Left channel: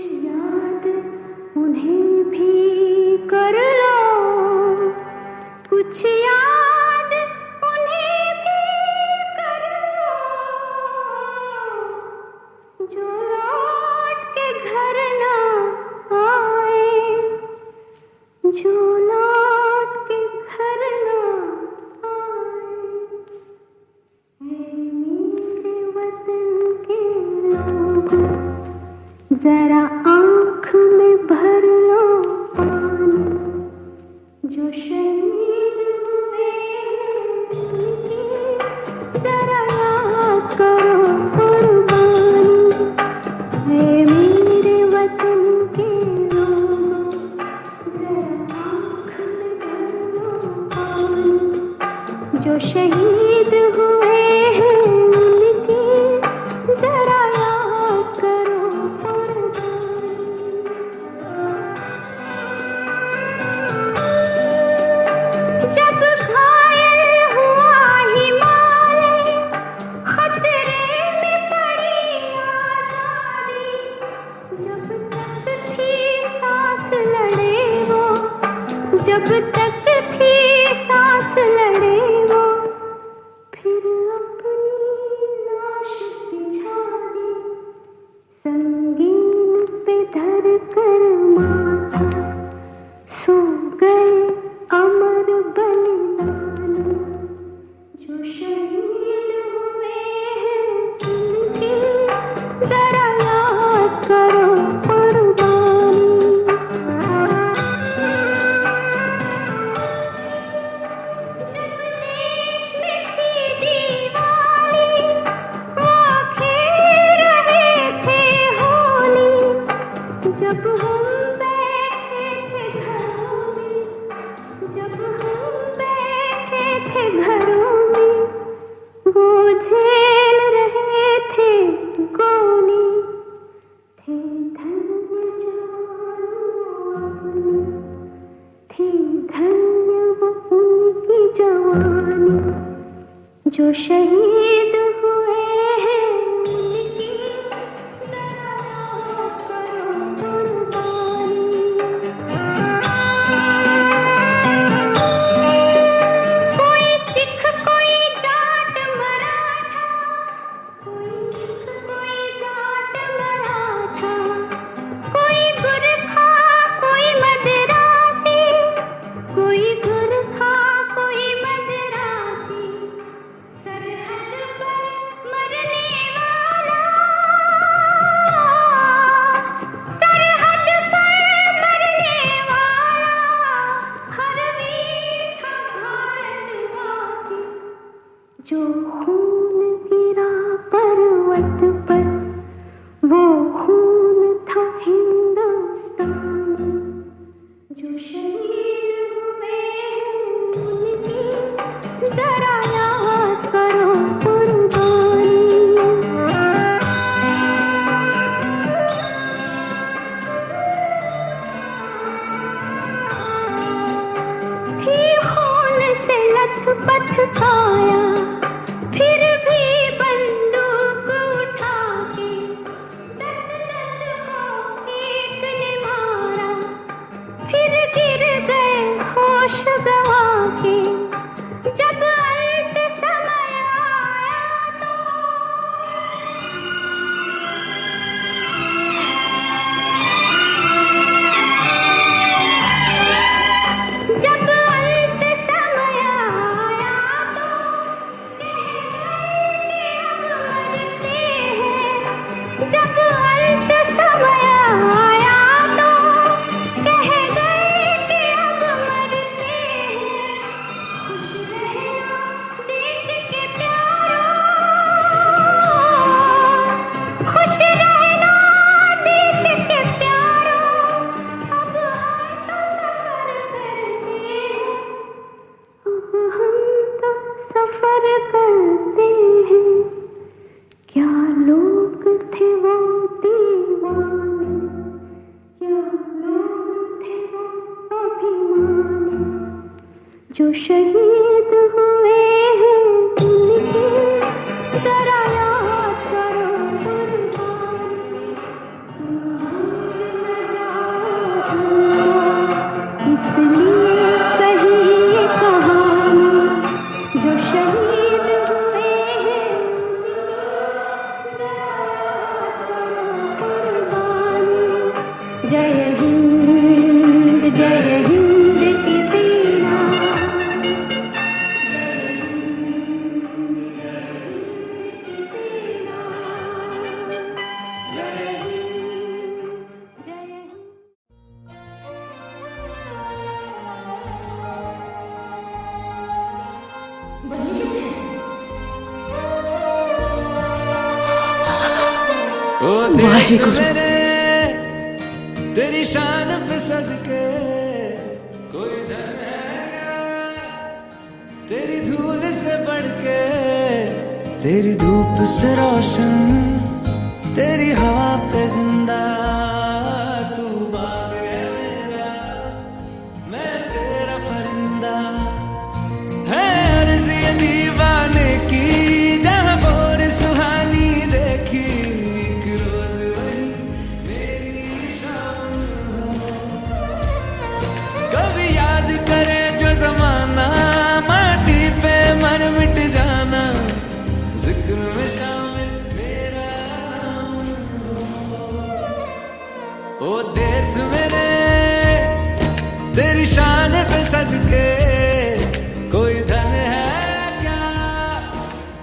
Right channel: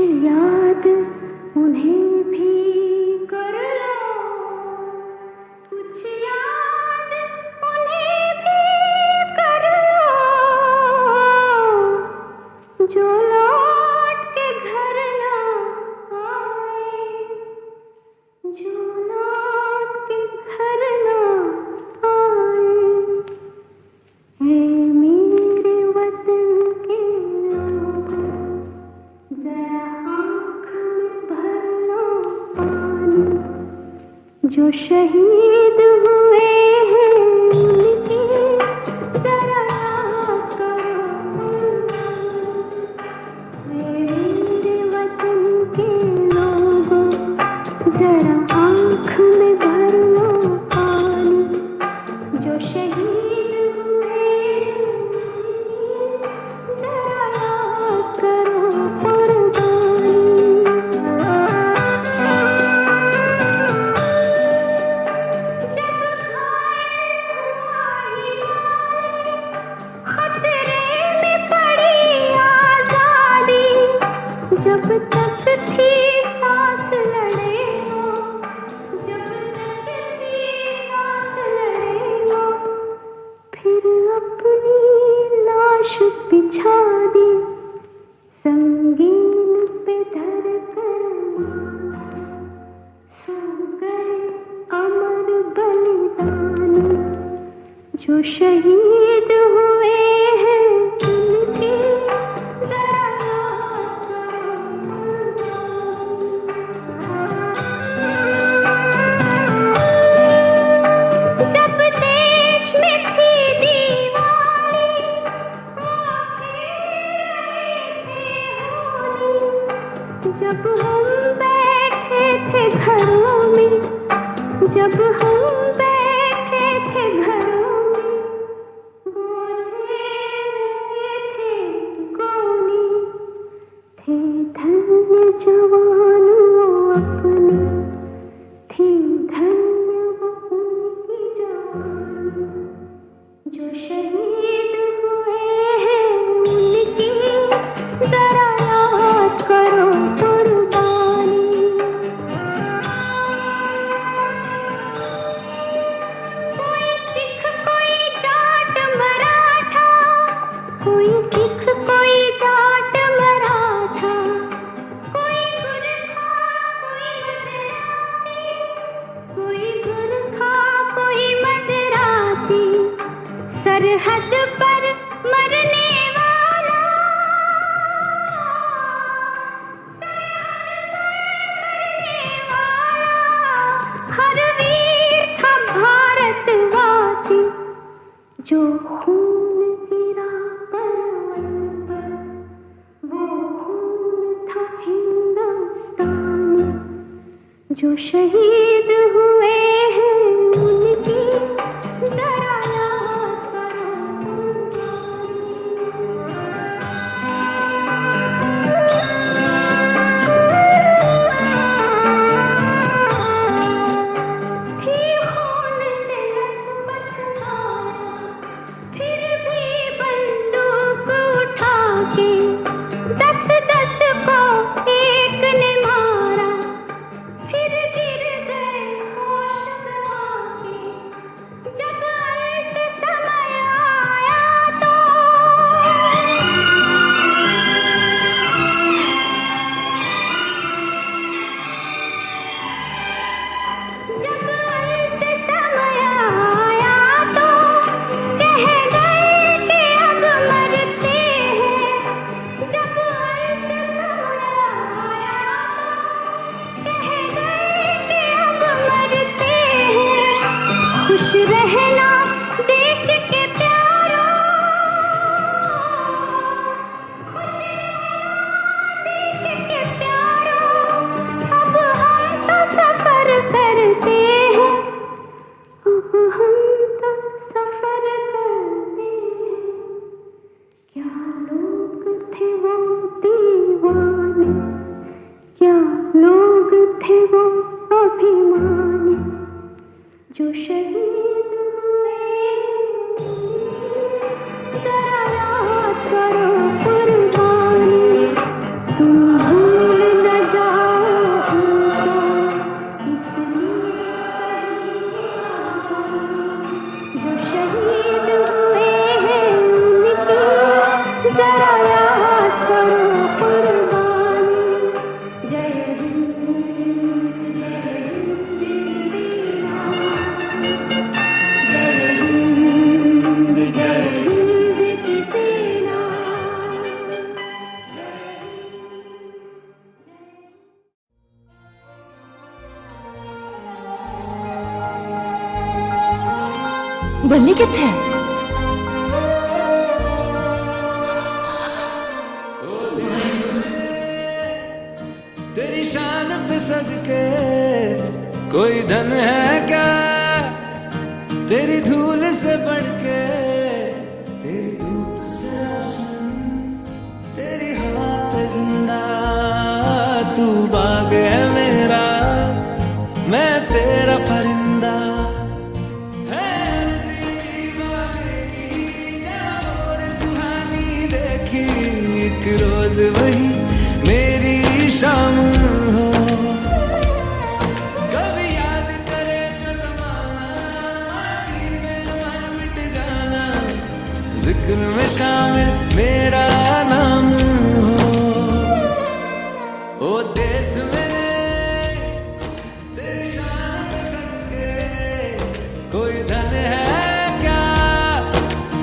याद उन्हें भी कर लो, कुछ याद उन्हें भी कर लो, जो लौट के घर ना आए, जो लौट के घर ना आए। है मेरे वतन के लोग, जरा आँख में भर लो पानी, जो शहीद हुए हैं उनकी जरा याद करो कुर्बानी। है मेरे वतन के लोगों, जरा आँख में भर लो पानी, जो शहीद हुए हैं उनकी जरा याद करो कुर्बानी। जब घायल हुआ हिमालय, खतरे में पड़ी आजादी, जब तक थी सांस लड़े वो, जब तक थी सांस लड़े वो, फिर अपनी लाश बिछा दी, संगीन पे धर कर माथा, सो गए अमर बलिदानी, जो शहीद हुए हैं उनकी जरा याद करो कुर्बानी। जब देश में थी दीवानी, वो खेल रहे थे होली, जब हम बैठे थे घरों में, जब हम बैठे थे घरों में, वो झेल रहे थे गोली, थे धन्य जवान वो अपने, थी धन्य वो उनकी जवानी, जो शहीद हुए हैं उनकी जरा याद करो कुर्बानी। कोई सिख कोई जाट मराठा, कोई सिख कोई जाट मराठा, कोई गुरखा कोई मदरासी, कोई गुरखा कोई मदरासी, सरहद पर मरने वाला, सरहद पर मरने वाला, हर वीर था भारतवासी, जो खून गिरा पर्वत पर, वो खून था हिंदुस्तानी, जो शहीद हुए हैं उनकी जरा याद करो कुर्बानी। थी खून से लथपथ काया, फिर भी बंदूक उठा के 10-10 को एक ने मारा, फिर गिर गए होश गवा के, जब अंत समय आया तो, जब अंत समय आया तो कह गए कि अब मरते हैं, जब अंत समय आया तो कह गए कि अब मरते हैं। खुश रहना देश के प्यारों, खुश रहना देश के प्यारों, अब हम तो सफर करते हैं, अब हम तो सफर करते हैं। क्या लोग थे वो दीवाने, क्या लोग थे वो अभिमानी, जो शहीद हुए हैं उनकी जरा याद करो कुर्बानी। तुम जय हिंद की सेना, जय हिंद की सेना, जय हिंद, जय हिंद। बल्ली किथे है? ओ देश मेरे तेरी शान पे सदके, कोई धन है क्या तेरी धूल से बढ़ के, तेरी धूप से रोशन, तेरी हवा पे जिंदा, तू बाग है मेरा, मैं तेरा परिंदा। है अर्ज़ ये दीवाने की, जहाँ बोर सुहानी देखी, एक रोज वही मेरी शाम हो। कभी याद करे जो जमाना, माटी पे मर मिट जाना, जिक्र में शामिल मेरा नाम हो। ओ देश मेरे तेरी शान पे सदके, कोई धन है क्या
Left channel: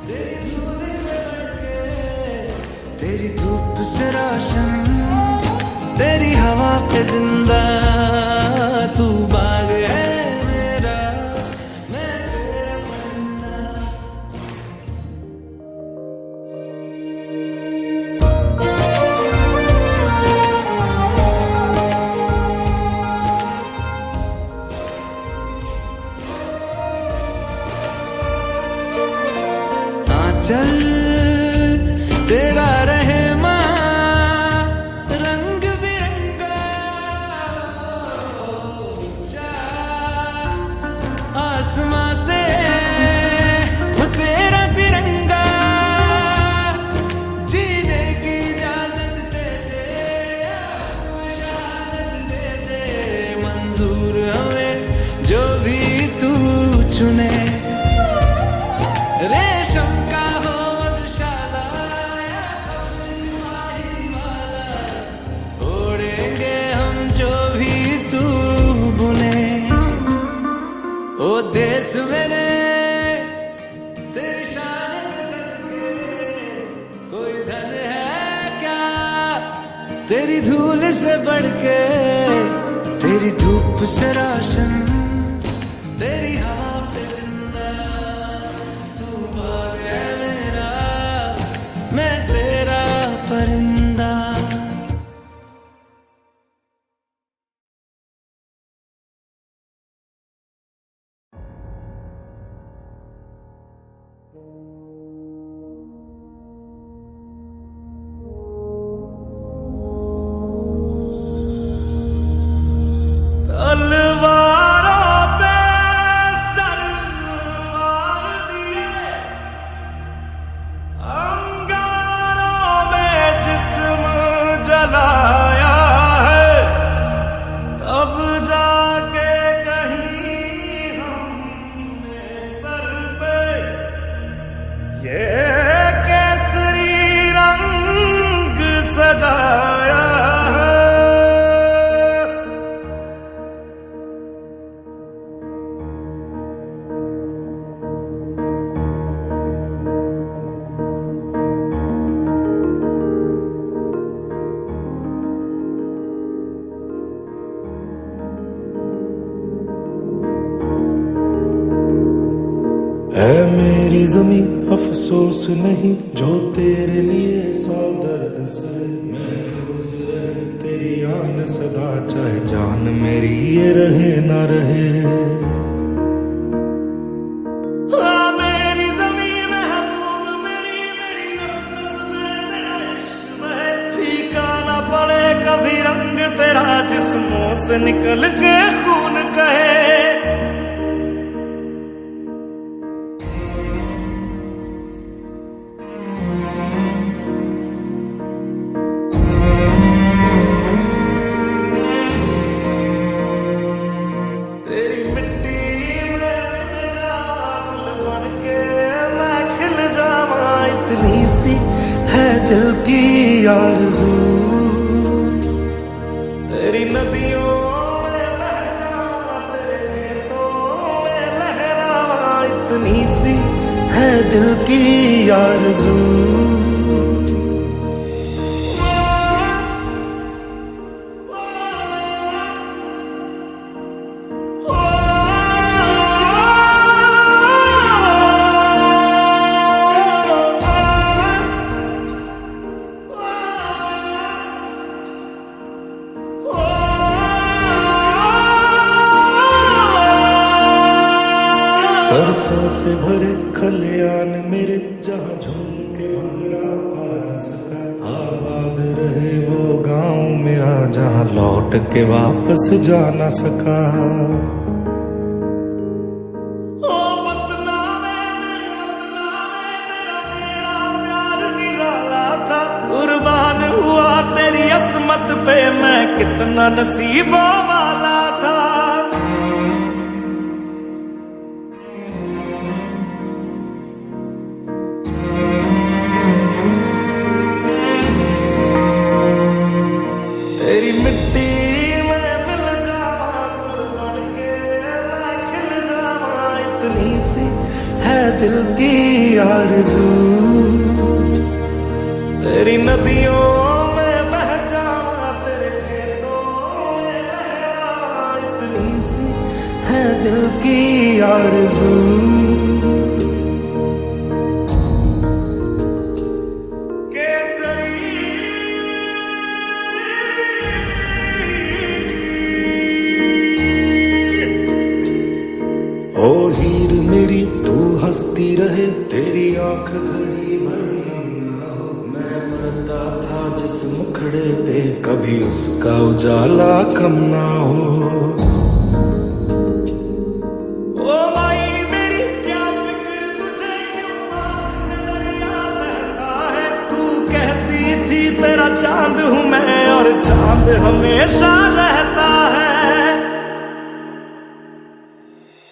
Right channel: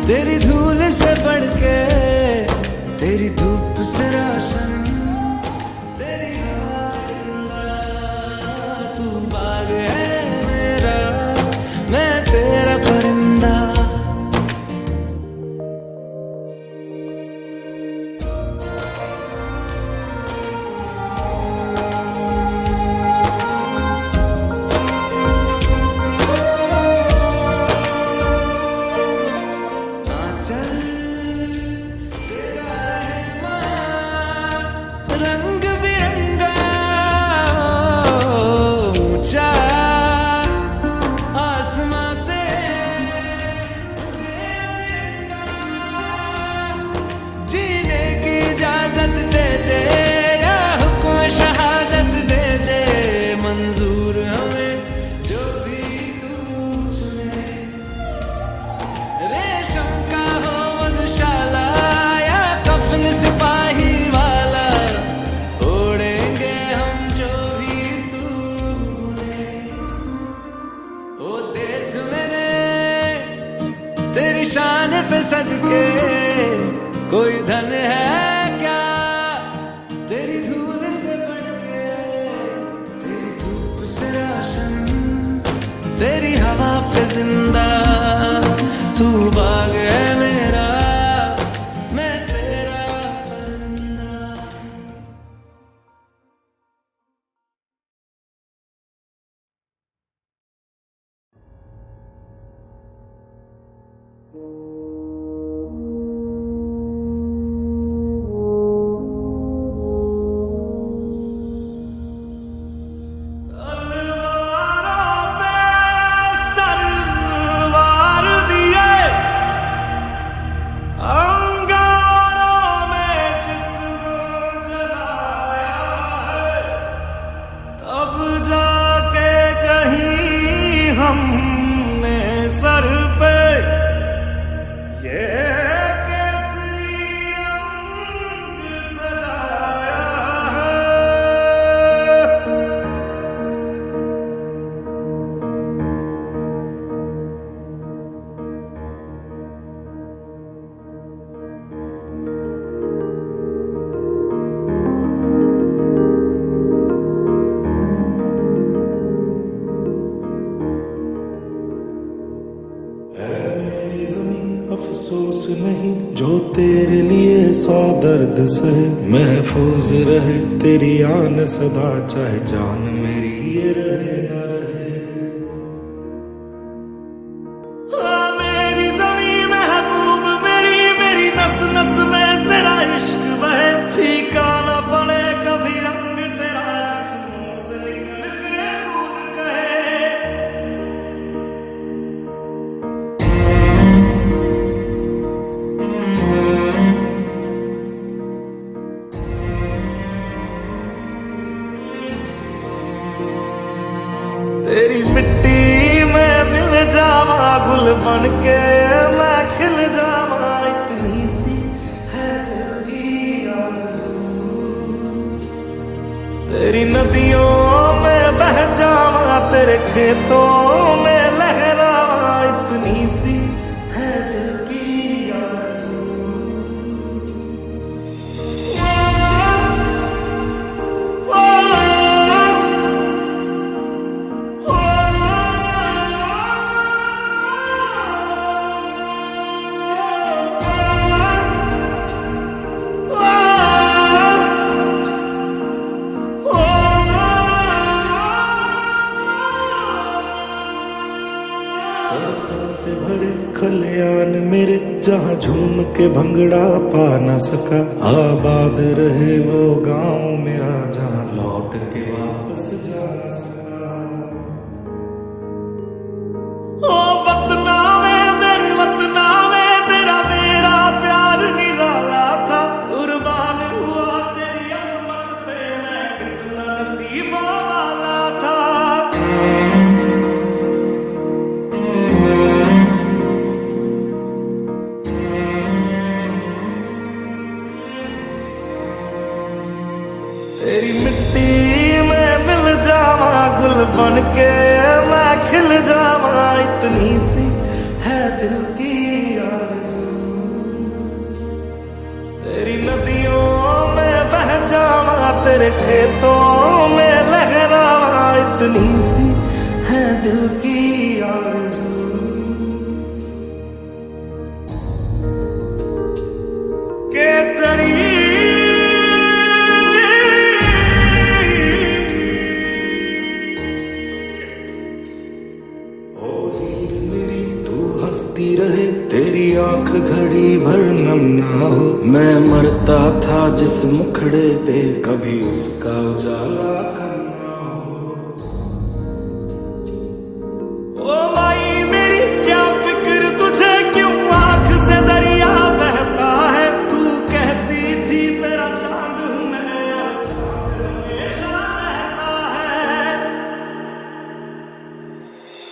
तेरी धूल से बढ़ के, तेरी धूप से रोशन, तेरी हवा पे जिंदा, तू बाग है मेरा, मैं तेरा परिंदा। चल तेरा रहे माँ रंग बिरंगा, ऊंचा आसमां से तेरा तिरंगा, जीने की इजाजत दे दे या हुक्म शहादत दे दे, मंजूर हमें जो भी तू चुने। रेशम का हो मधुशाला या कफन सिपाही वाला, ओढ़ेंगे हम जो भी तू बुने। ओ देश मेरे तेरी शान पे सदके, कोई धन है क्या तेरी धूल से बढ़ के, तेरी धूप से रोशन, तेरी हवा पे जिंदा, तू बाग है मेरा, मैं तेरा परिंदा। तलवारों पे सरवार दिए, अंगारों में जिस्म जलाया है, तब जाके कहीं हमने सर पे ये केसरी रंग सजाया है। है मेरी ज़मीं अफसोस नहीं, जो तेरे लिए 100 दर्द सहे, महफूज रहे तेरी आन सदा, चाहे जान मेरी ये रहे ना रहे। मेरी ज़मीं महबूब मेरी, मेरी नस नस में तेरा इश्क बहे, फीका ना पड़े कभी रंग तेरा, जिस्मों से निकल के खून कहे। तेरी मिट्टी में मिल जावा, गुल बन के मैं खिल जावा, इतनी सी है दिल की आरज़ू। तेरी नदियों में बह जावा, तेरे खेतों में लहरावा, इतनी सी है दिल की आरज़ू। सरसों से भरे खलियान मेरे, जहाँ झूम के भंगड़ा पा न सका। आबाद रहे वो गांव मेरा, जहाँ लौट के वापस जा न सका। ओ वतना में मेरे वतना में, तेरा मेरा प्यार निराला था। कुर्बान हुआ तेरी असमत पे, मैं कितना नसीबों वाला था। तेरी मिट्टी में मिल जावा, गुल बन के मैं खिल जावा, इतनी सी है दिल की आरज़ू। तेरी नदियों में बह जावा, तेरे खेतों में लहरावा, इतनी सी है दिल की आरज़ू। केसरी ओ हीर मेरी तू हंसती रहे, तेरी आंख घड़ी भर नम ना हो। मैं मरता था जिस मुखड़े पे, कभी उसका उजाला कम ना हो। ओ माई मेरी क्या फिक्र तुझे, क्यों आंख से दरिया बहता है। तू कहती थी तेरा चांद हूँ मैं, और चांद हमेशा रहता है।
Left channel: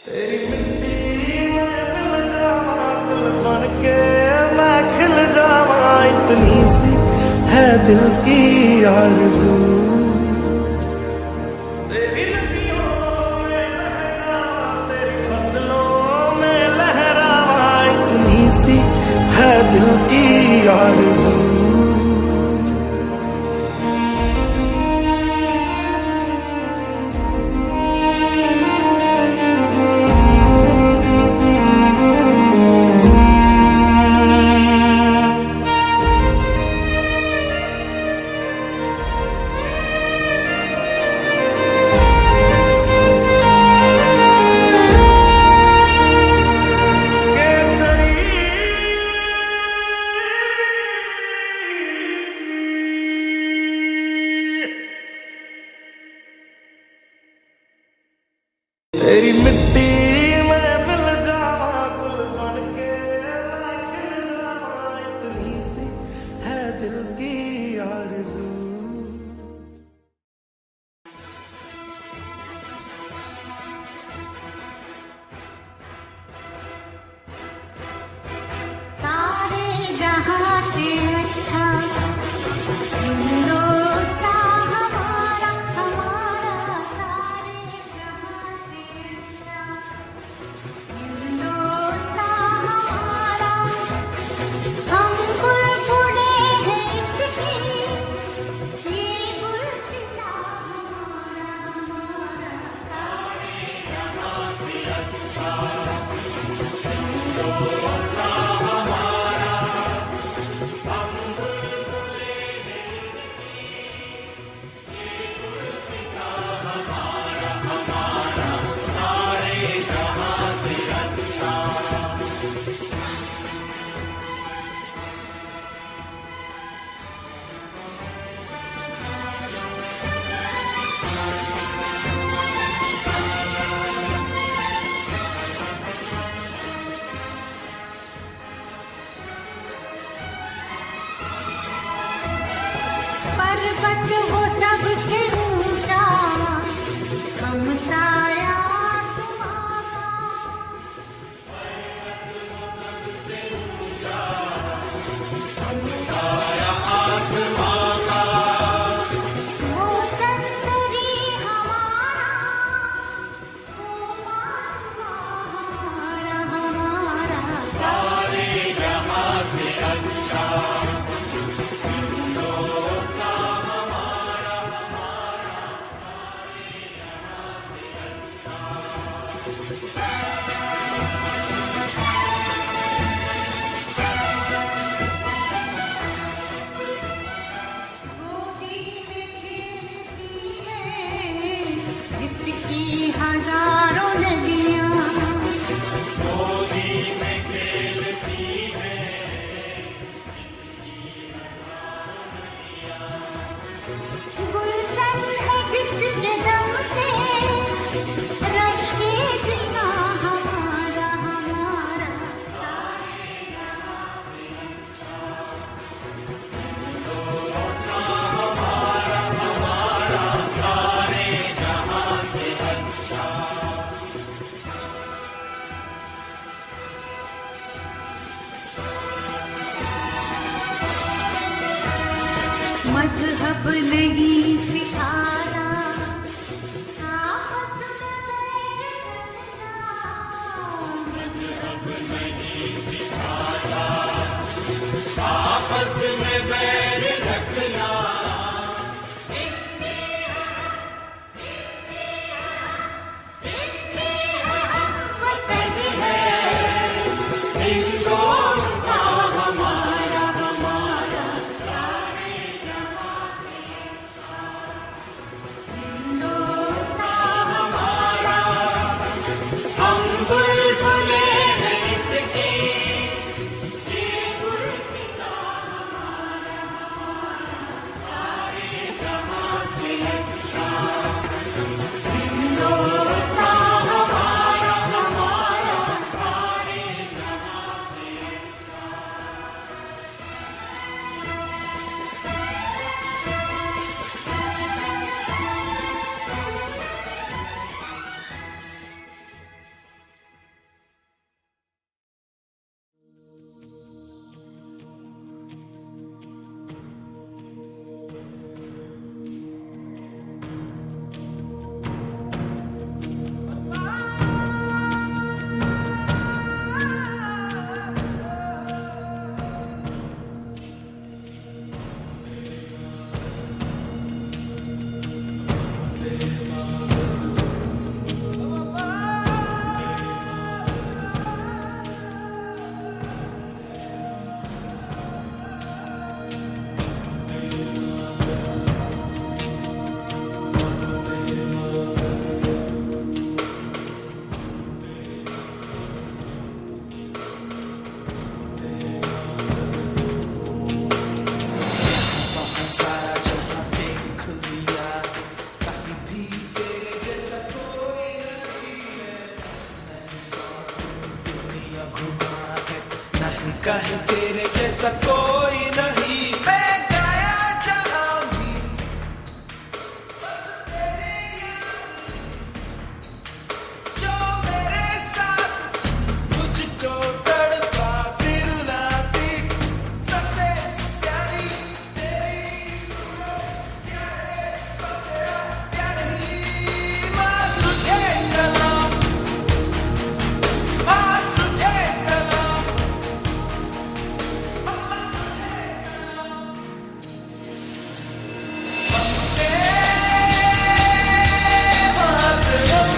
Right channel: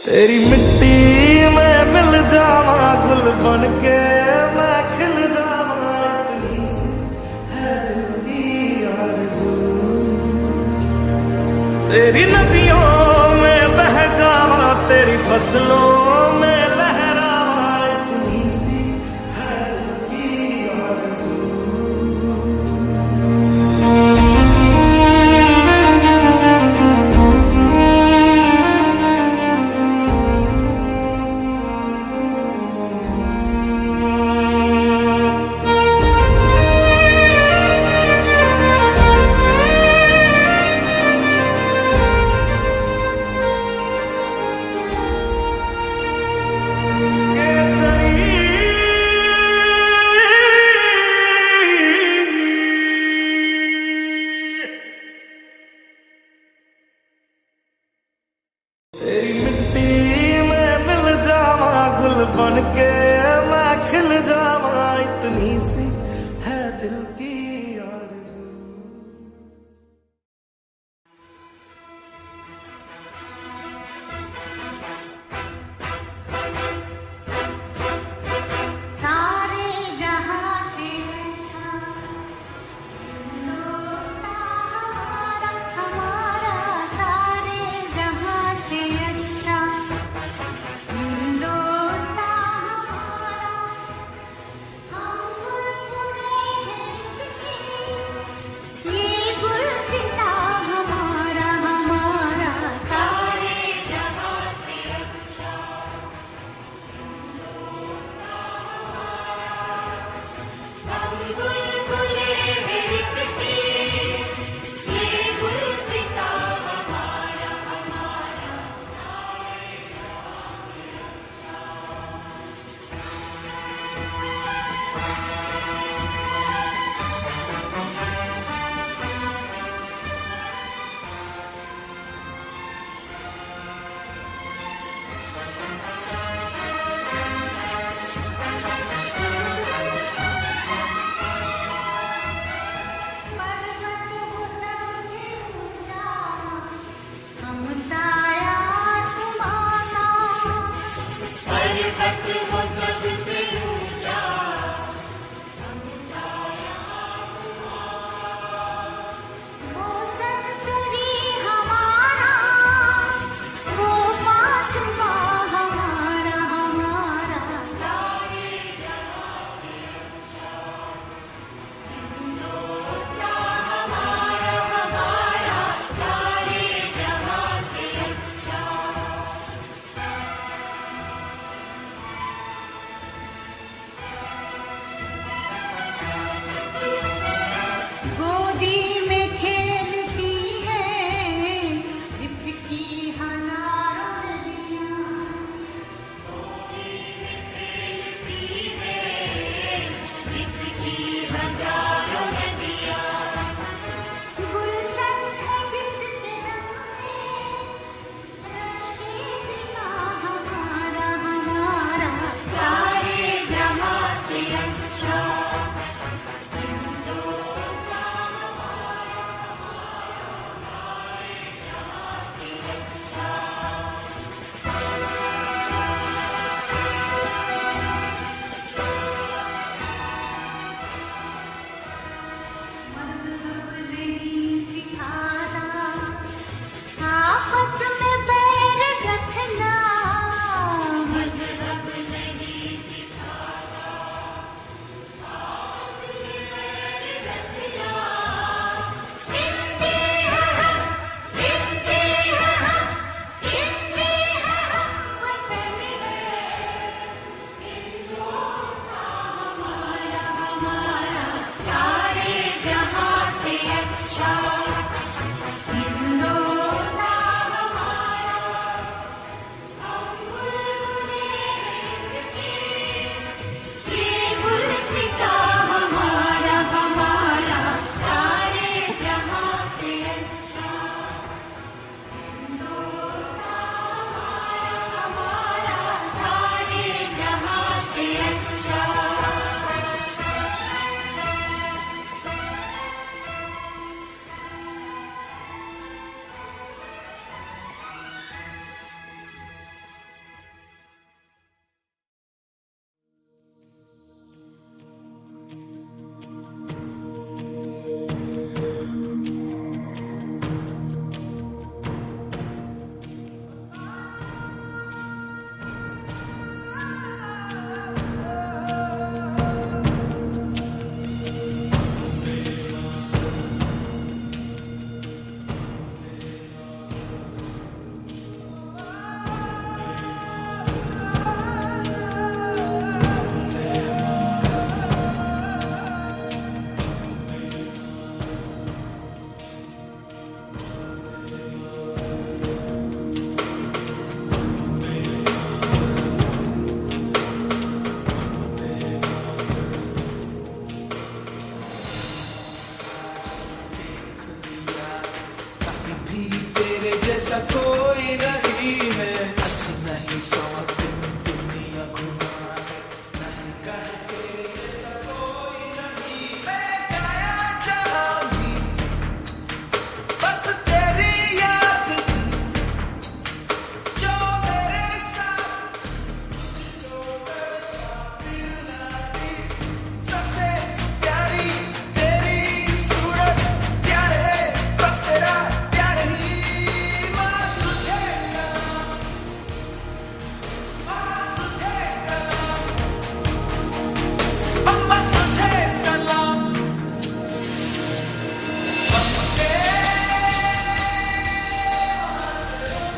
तेरी मिट्टी में मिल जावा, गुल बन के मैं खिल जावा, इतनी सी है दिल की आरज़ू। तेरी नदियों में बह जावा, तेरी फसलों में लहरावा, इतनी सी है दिल की आरज़ू। तेरी मिट्टी में मिल जावा, गुल बन के मैं खिल जावा, इतनी सी है दिल की आरज़ू। सारे जहां से अच्छा हिंदुस्तान हमारा, हमारा सारे जहां से अच्छा हिंदुस्तान हमारा। जैसा कोई नहीं है। 80 नहीं 100 दिन दुनिया घुमा है, नहीं कहे तेरे जैसा कोई नहीं। मैं गाया जहां भी बस तेरी याद थी, जो मेरे साथ थी, मुझको तड़पा दिलाती। सबसे प्यारी तेरी सूरत, प्यार है बस तेरा प्यार ही। माँ तुझे सलाम, माँ तुझे सलाम, अम्मा तुझे सलाम। वंदे मातरम,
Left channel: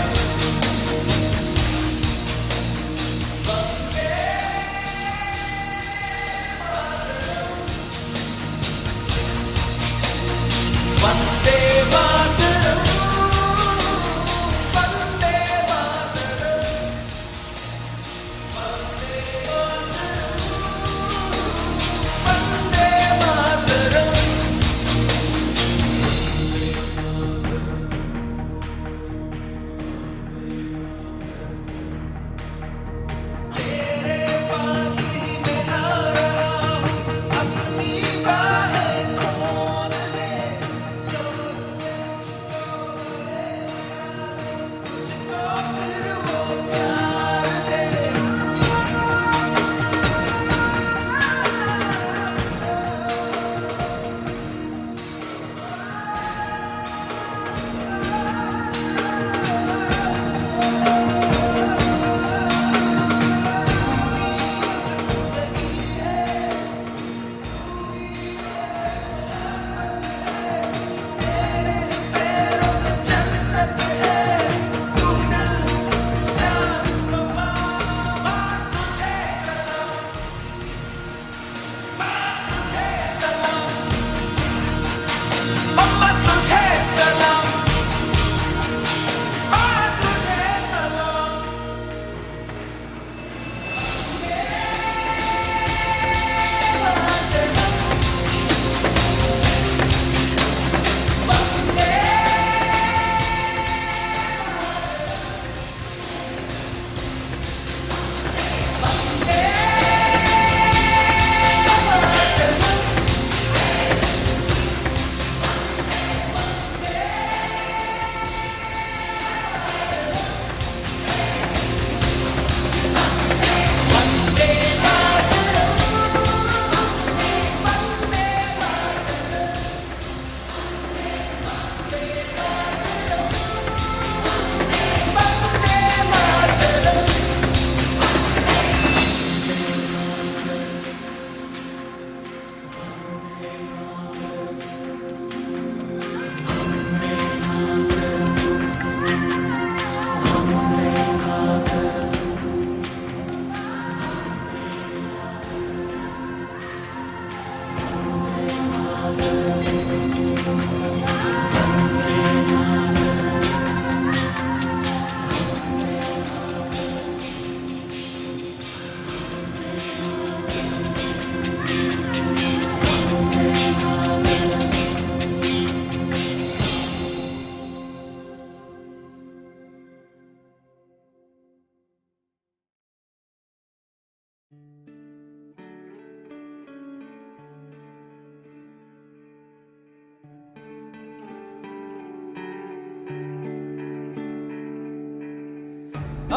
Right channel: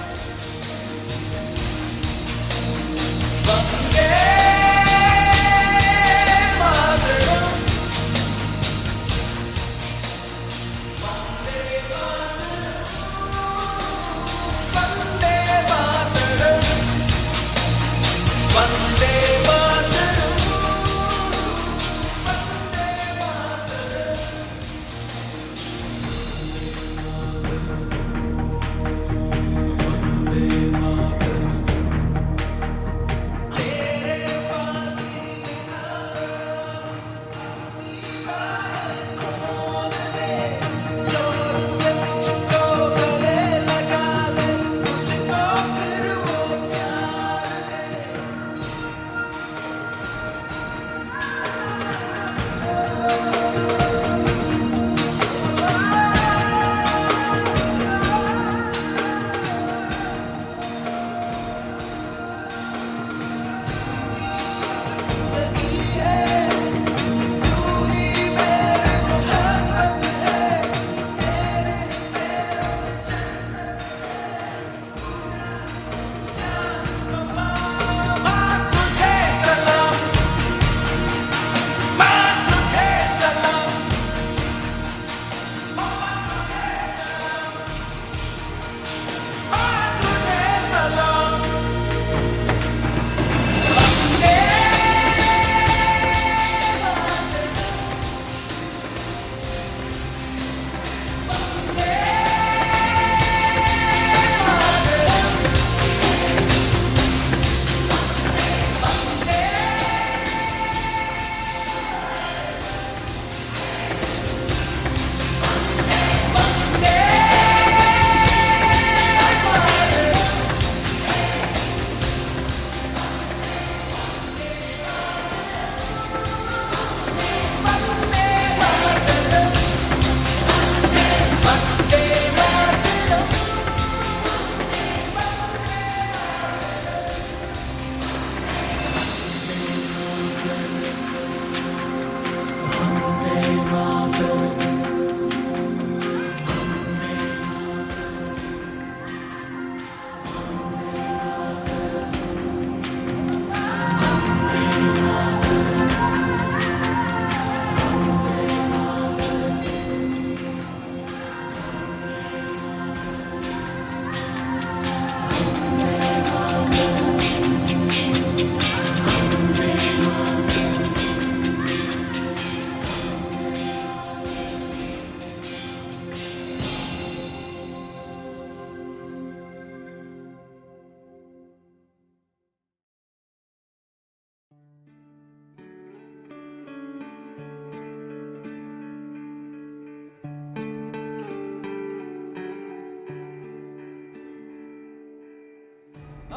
वंदे मातरम, वंदे मातरम, वंदे मातरम, वंदे मातरम, वंदे मातरम। तेरे पास ही मैं आ रहा हूँ, अपनी बाहें खोल दे, जोर से मुझको गले लगा दे, मुझको फिर वो प्यार दे।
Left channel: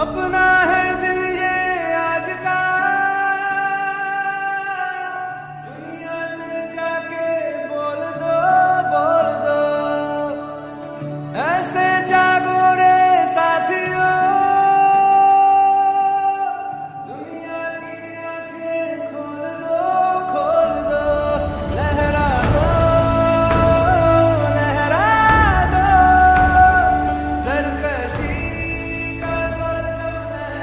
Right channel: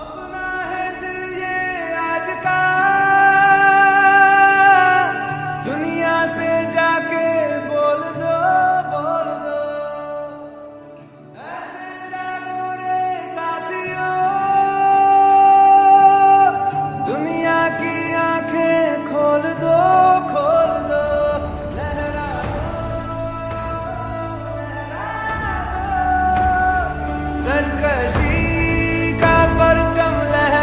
अपना है दिल ये आज का, दुनिया से जाके बोल दो, बोल दो। ऐसे जागो रे साथियों, दुनिया की आंखें खोल दो, खोल दो। लहरा दो, लहरा दो, सरकशी का परचम लहरा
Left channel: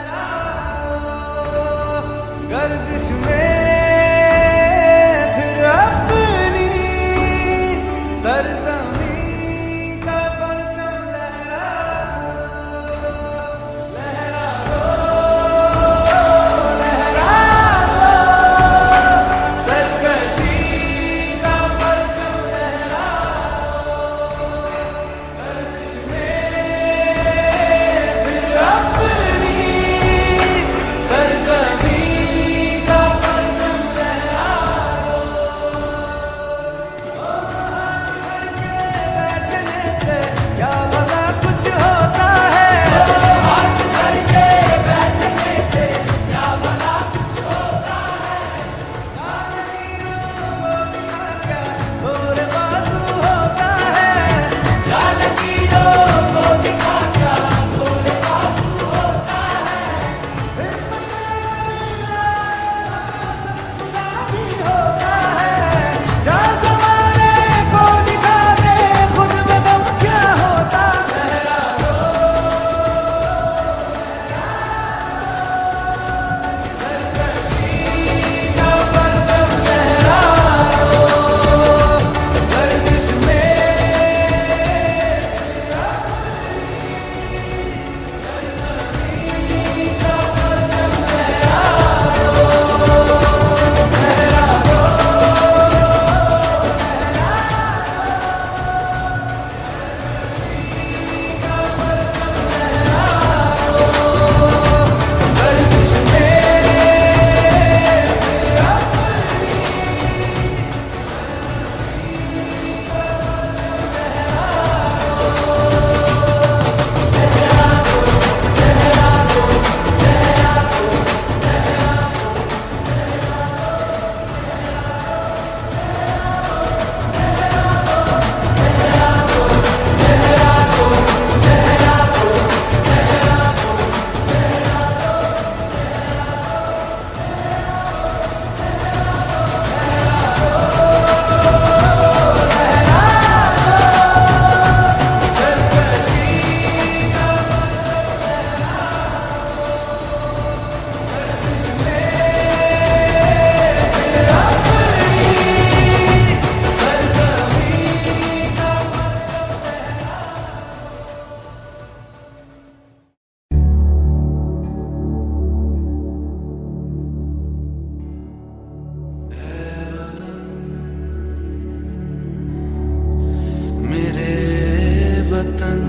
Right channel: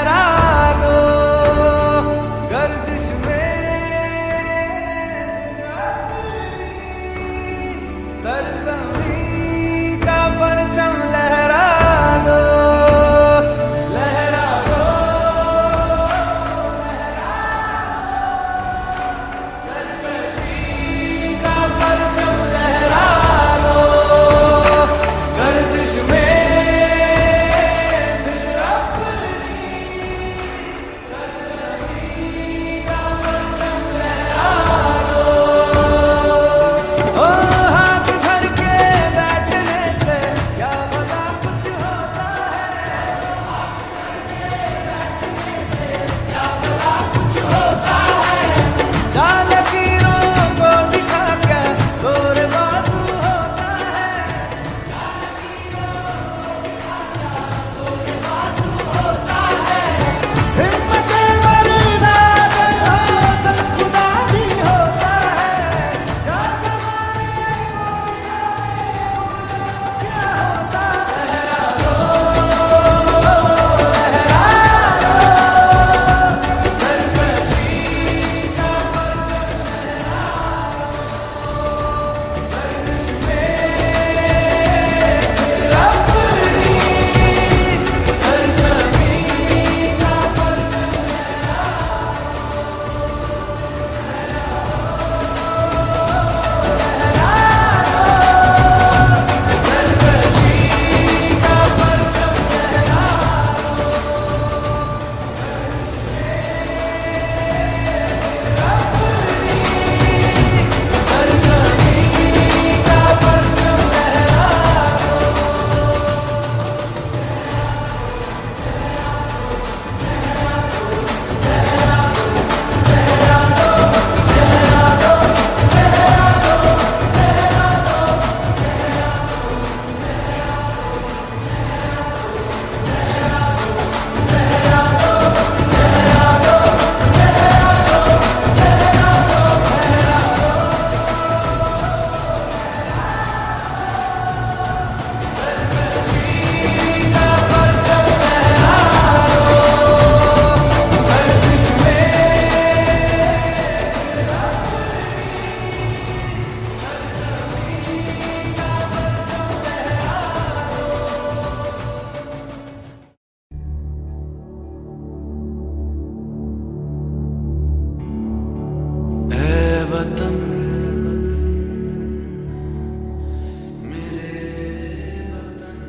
वतन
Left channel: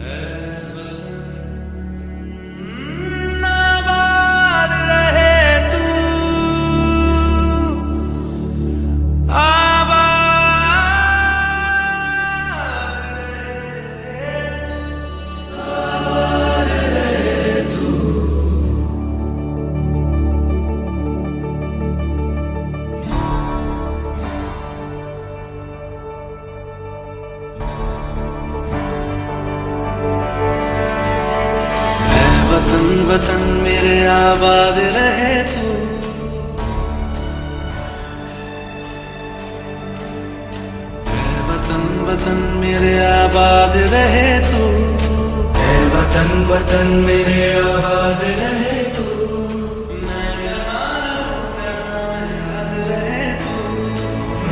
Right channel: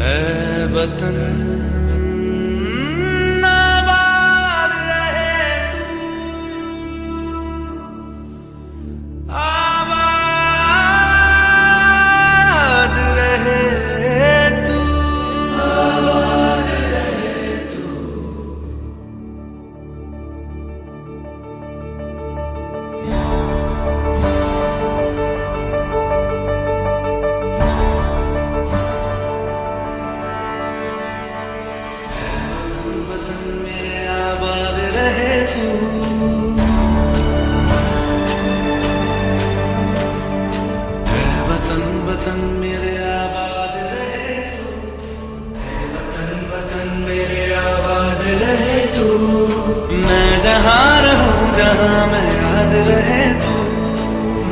ऐ वतन आबाद रहे तू, आबाद रहे तू, आबाद रहे तू। वतन वतन मेरे आबाद रहे तू, ऐ वतन वतन मेरे आबाद रहे तू, ऐ वतन वतन मेरे आबाद रहे तू। मैं जहाँ रहूं जहाँ मैं याद रहे तू,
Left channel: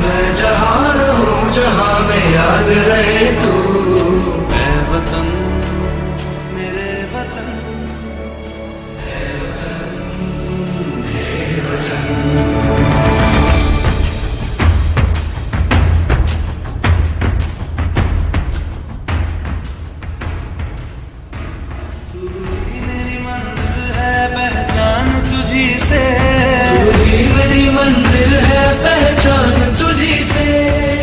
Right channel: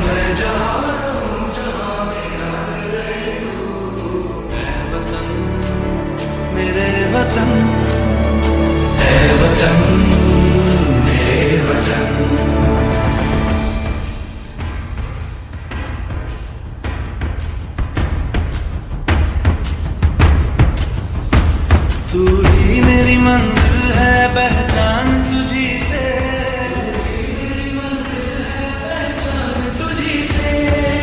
मैं जहाँ रहूं जहाँ मैं याद रहे तू। ऐ वतन मेरे वतन, ऐ वतन मेरे वतन। तू ही मेरी मंजिल है पहचान तुझी से, तू ही मेरी मंजिल है पहचान तुझी से।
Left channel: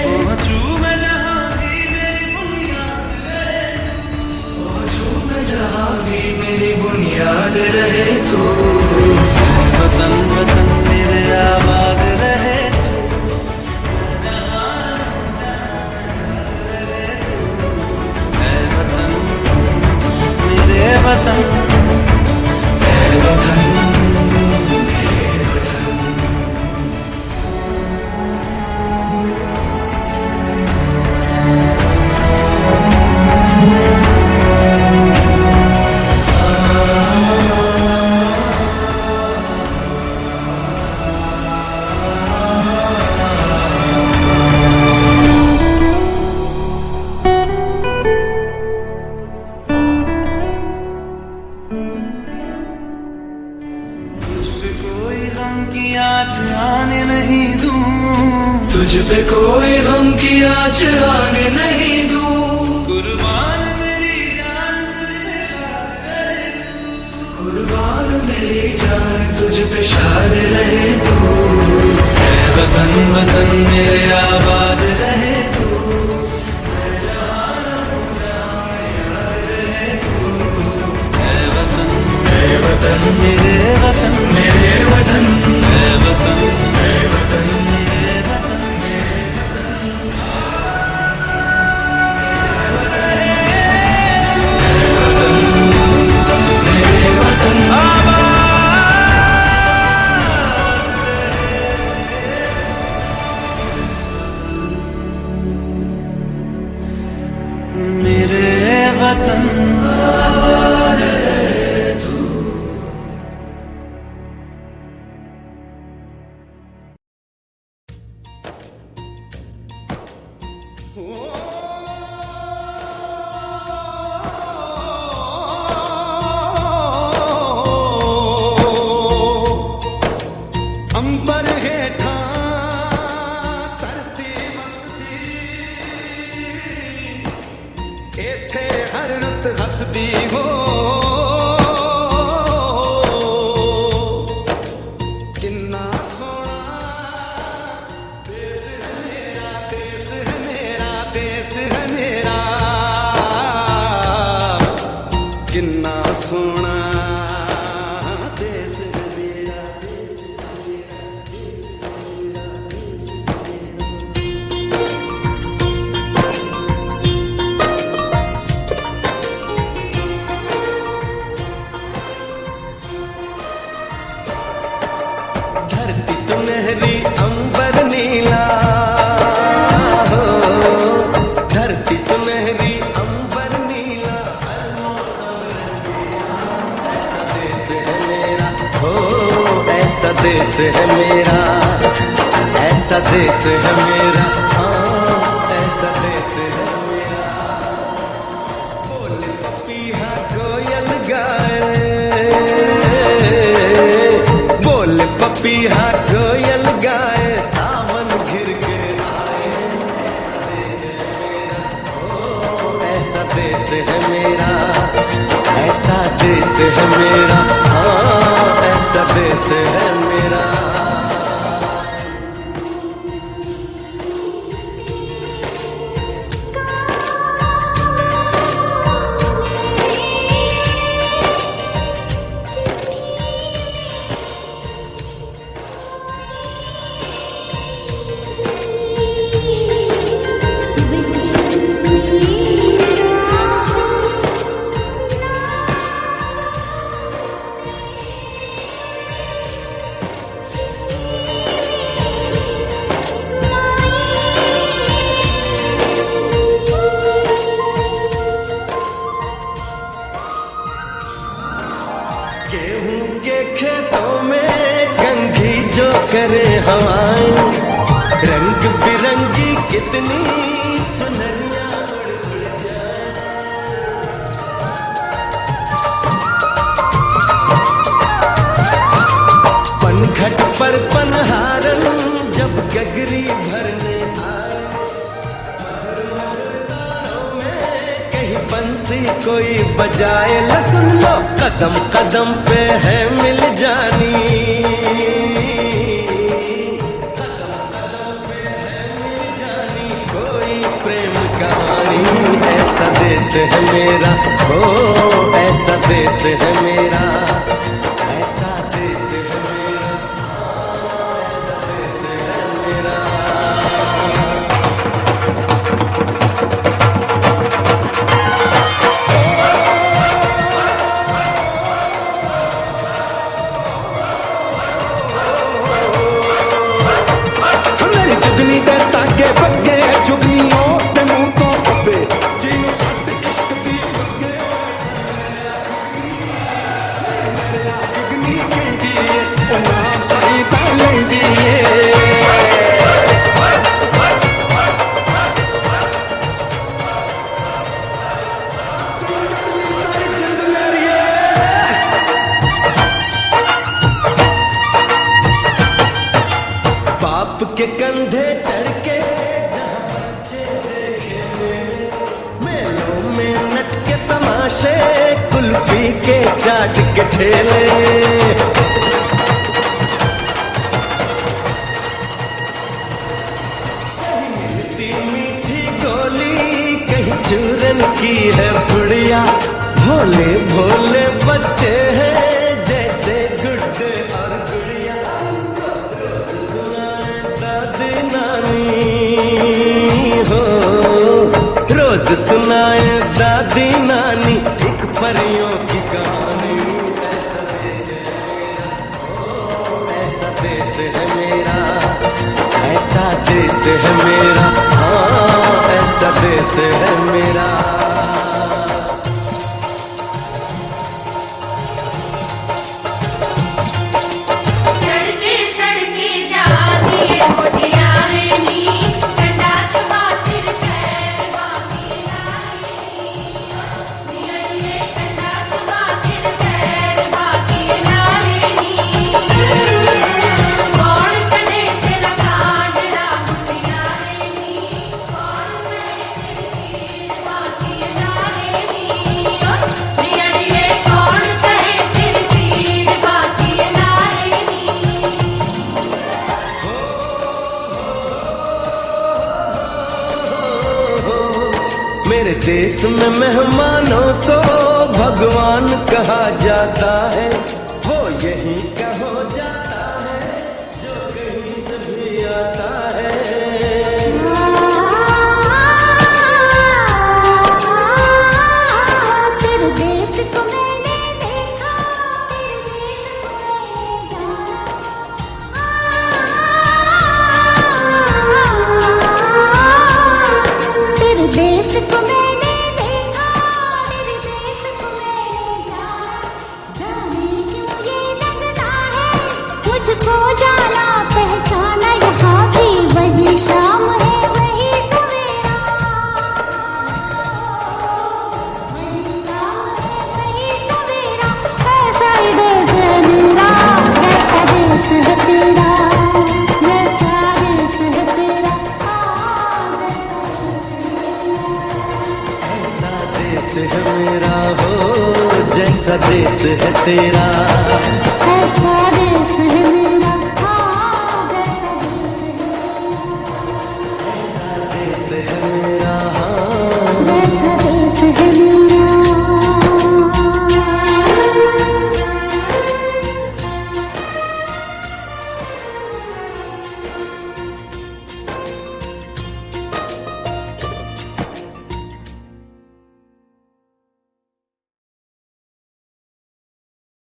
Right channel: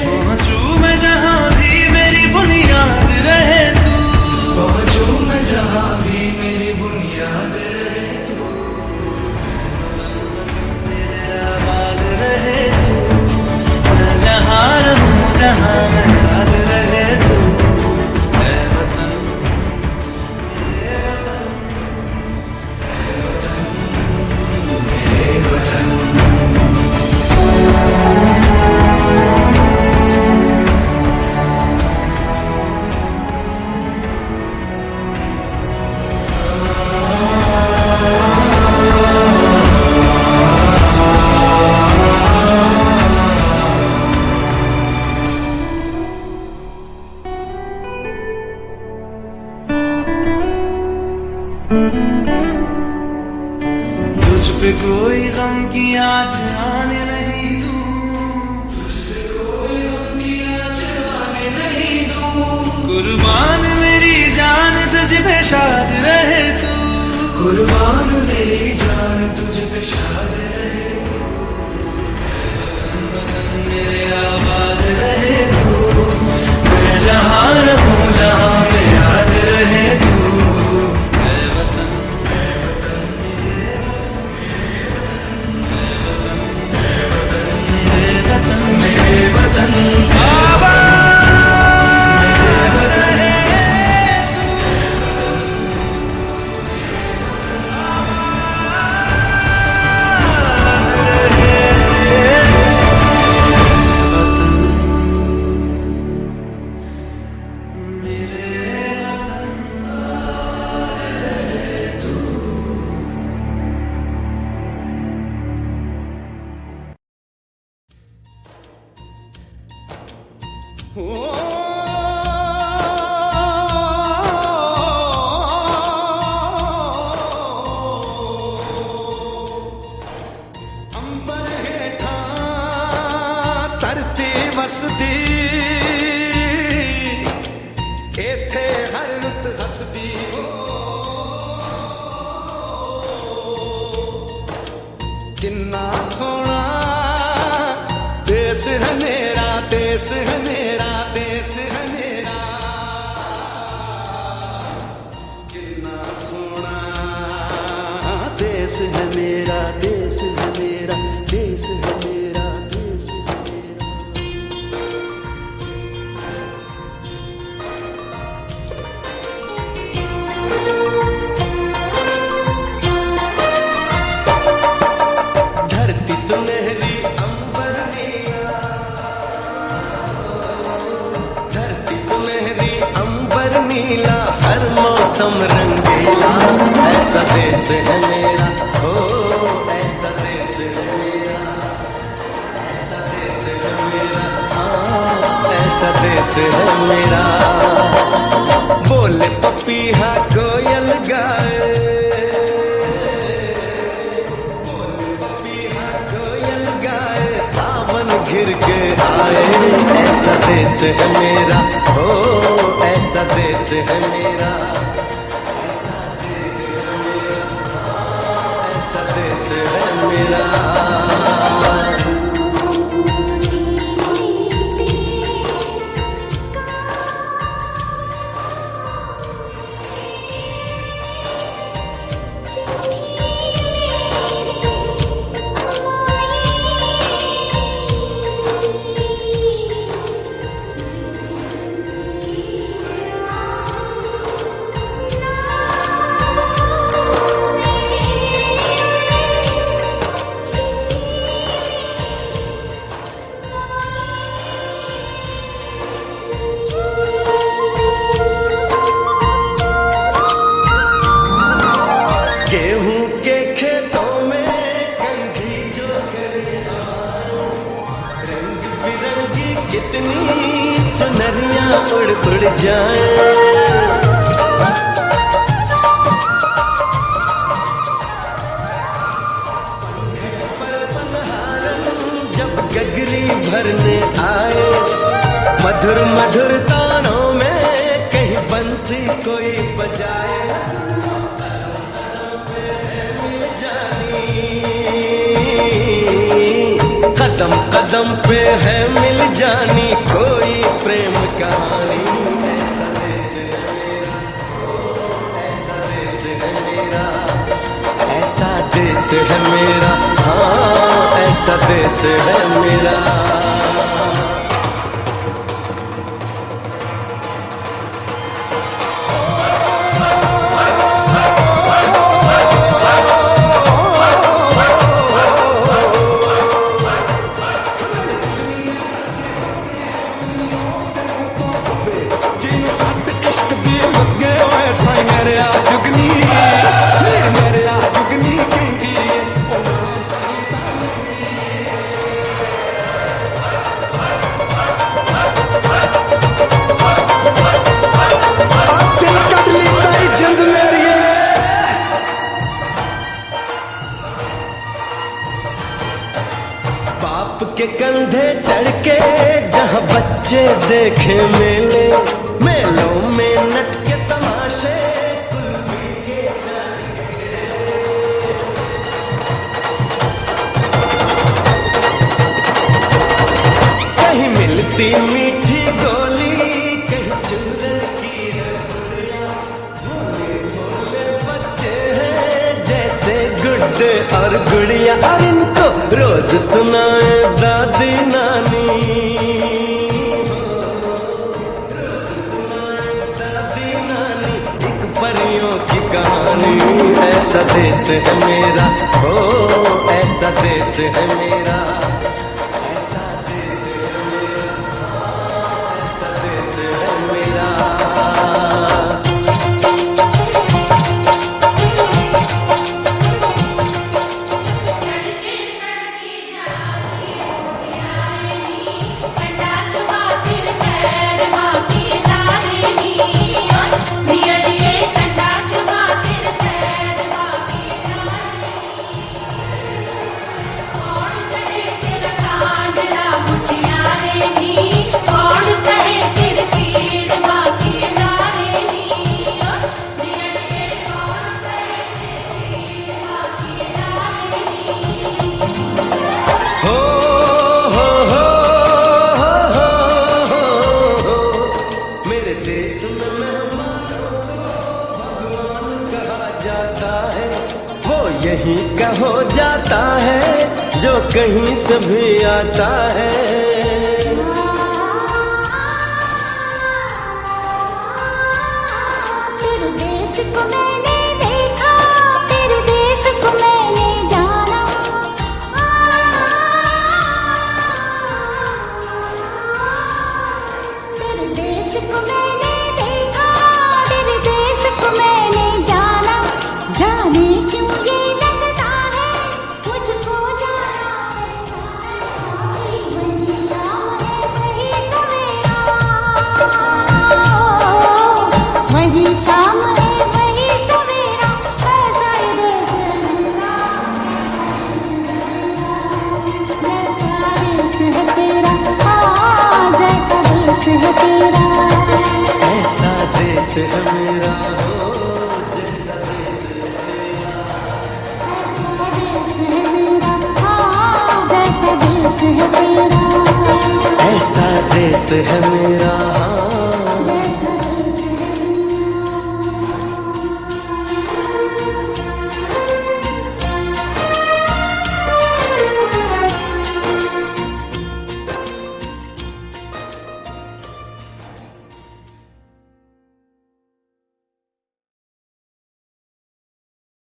पहुंचू मैं जहाँ भी मेरी बुनियाद रहे तू, पहुंचू मैं जहाँ भी मेरी बुनियाद रहे तू। वतन वतन मेरे आबाद रहे तू, मैं जहाँ रहूं जहाँ मैं याद रहे तू। ऐ वतन मेरे वतन, ऐ वतन मेरे वतन। तुझ पे कोई गम की आँच आने नहीं दूं, तुझ पे कोई गम की आँच आने नहीं दूं। कुर्बान मेरी जान तुझ पे शाद रहे तू, कुर्बान मेरी जान तुझ पे शाद रहे तू। ऐ वतन वतन मेरे आबाद रहे तू, मैं जहाँ रहूं जहाँ मैं याद रहे तू। ऐ वतन मेरे वतन, मेरे वतन, ऐ वतन, ऐ वतन, मेरे वतन, मेरे वतन। आबाद रहे तू, मेरे वतन, आबाद रहे वतन, मेरे वतन। आबाद रहे तू। अंबर हेठा धरती वसदी, एथे हर रुत हसदी हो। किन्ना सोना देश है मेरा, देश है मेरा, देश है मेरा। किन्ना सोना देश है मेरा, देश है मेरा, देश है मेरा, देश है मेरा। धरती सुनहरी अंबर नीला हो, धरती सुनहरी अंबर नीला, हर मौसम रंगीला। ऐसा देश है मेरा हो, ऐसा देश है मेरा, ऐसा देश है मेरा, हाँ ऐसा देश है मेरा। बोले पपीहा कोयल गाए, बोले पपीहा कोयल गाए, सावन घिर के आए। ऐसा देश है मेरा, हो ऐसा देश है मेरा, ऐसा देश है मेरा, हाँ ऐसा देश है मेरा। गेहूं के खेतों में कंघी जो करे हवाएं, रंग बिरंगी कितनी चुनरियां उड़ उड़ जाएं। पनघट पर पनहारन जब गगरी भरने आए, मधुर मधुर तानों में कहीं बंसी कोई बजाए। ला सुन लो कदम कदम पे है मिल जानी, कदम कदम पे है मिल जानी कोई प्रेम कहानी। ऐसा देश है मेरा, हो ऐसा देश है मेरा, ऐसा देश है मेरा, हाँ ऐसा देश है मेरा। बाप के कंधे चढ़ के जहाँ बच्चे देखे मेले, मेलों में नट के तमाशे, कुल्फी के चाट के ठेले। कहीं मिलती मीठी गोली, कहीं चूरन की है पुड़िया। भोले भोले बच्चे हैं जैसे गुड्डे और गुड़िया, और इनको रोज सुनाए दादी नानी, हो रोज सुनाए दादी नानी एक परियों की कहानी। ऐसा देश है मेरा, हो ऐसा देश है मेरा, ऐसा देश है मेरा, हाँ ऐसा देश है मेरा। मेरे देश में मेहमानों को भगवान कहा जाता है, वो यहीं का हो जाता है जो कहीं से भी आता है। तेरे देश को मैंने देखा, तेरे देश को मैंने जाना। तेरे देश को मैंने देखा, तेरे देश को मैंने जाना। जाने क्यों ये लगता है मुझको जाना पहचाना, यहाँ भी वही शाम है मेरा हो, जैसा देश है तेरा। ऐसा देश है मेरा, हाँ जैसा देश है तेरा। ऐसा देश है मेरा, हाँ जैसा देश है मेरा।